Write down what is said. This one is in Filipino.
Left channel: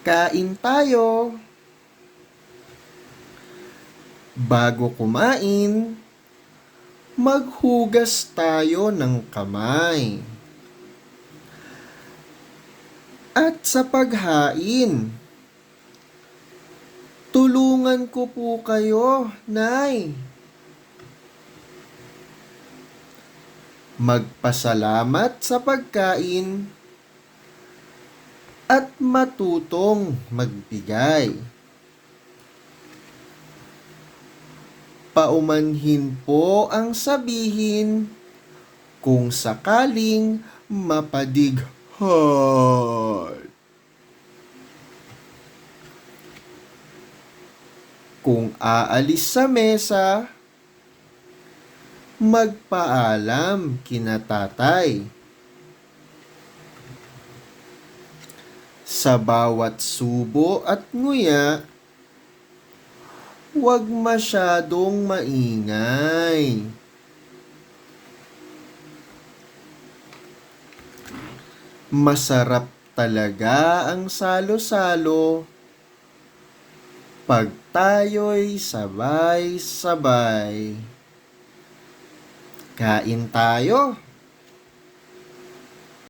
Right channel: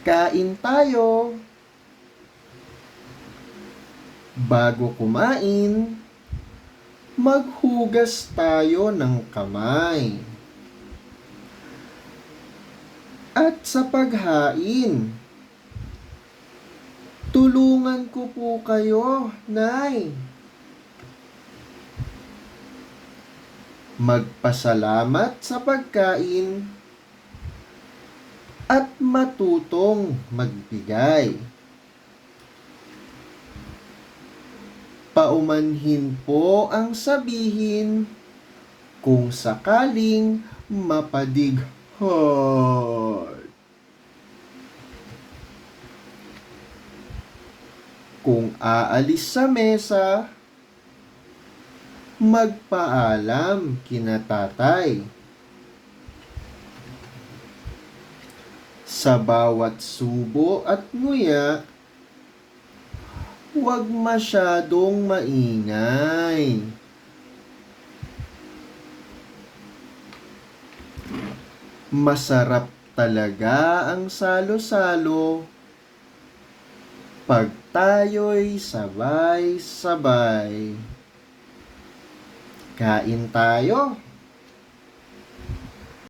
Kain tayo. Bago kumain, maghugas tayo ng kamay. At sa paghain, tulungan ko po kayo, Nay. Magpasalamat sa pagkain at matutong magbigay. Paumanhin po ang sabihin kung sakaling mapadighay. Kung aalis sa mesa, magpaalam kina tatay. Sa bawat subo at nguya, huwag masyadong maingay. Masarap talaga ang salo-salo pag tayo'y sabay-sabay. Kain tayo.